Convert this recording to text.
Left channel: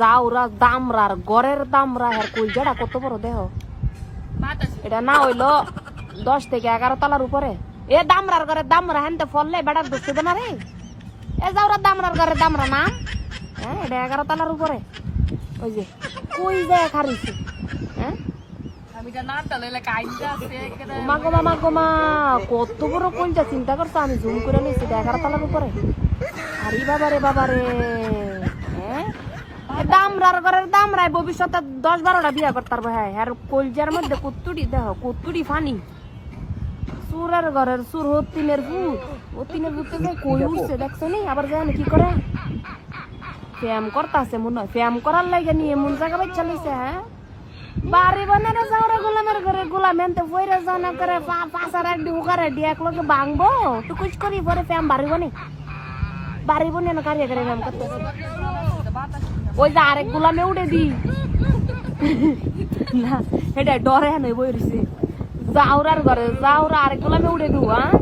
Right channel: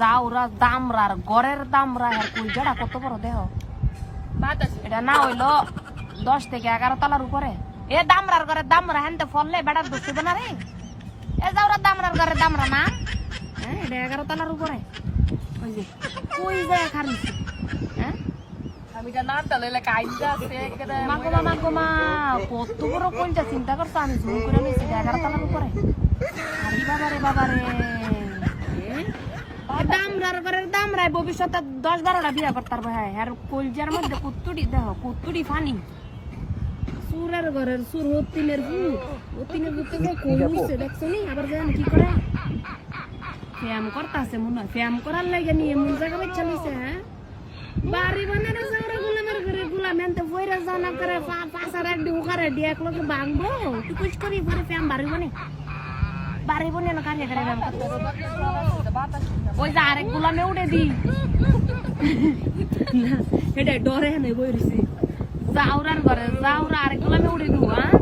যাওরা দামরার গড়ের দামরা আর কই জড়া কত বড় দেহ এটা না হইলো 10 থেকে 11 তলার উপরে এ দামরার ঘরের দামরা হেনতে ফললে বেড়া বসতে না রে এ যাওরা দামরার ঘরের দামরা না হ্যাঁ এটা 11 তলার উপরে ওই যে কই যায় খারিছি হ্যাঁ আমি এটা নামটা লইলে কাইজা আছে মা কত বড় কোনটা চিন্তা করছো আমি জুম করে নিয়েছি 11 তলার উপরে আরে বাবা রে হ্যাঁ দামরার ঘরের দামরাই ভবিষ্যতে 10-12টা বিয়া করতে পারবো হ্যাঁ আর কলজার মধ্যে কুত্তুড়ি দেখো কুত্তুড়ি ফানি সুরের ঘরের সুর হতিনের ভূত থেকে কই উঠছে দেখছো নি আবার জানি কি করে ফ্যাম করতেছে মনে হয় ফ্যাম করার লাগে নিয়ে এমন জায়গা বাচ্চা লিছে হ্যাঁ বাড়ি বানারে যাওয়ারে গোলামের ঘরে গোলাম এনতে বইরে জানা করে পাঁচার এক ঢুকারে দিয়ে এক লোকে ভাঙবো টুকুচ করি পরে ফ্যাম বাড়ি বনে না কারিয়া করে ফ্যাম করতে ওই যে আরেক গোলামে উঠে দি না এটা ডরে নেই বই রয়েছে যাওরার ঘরে যাওরা আরেক গোলামে উঠে দিও হ্যাঁ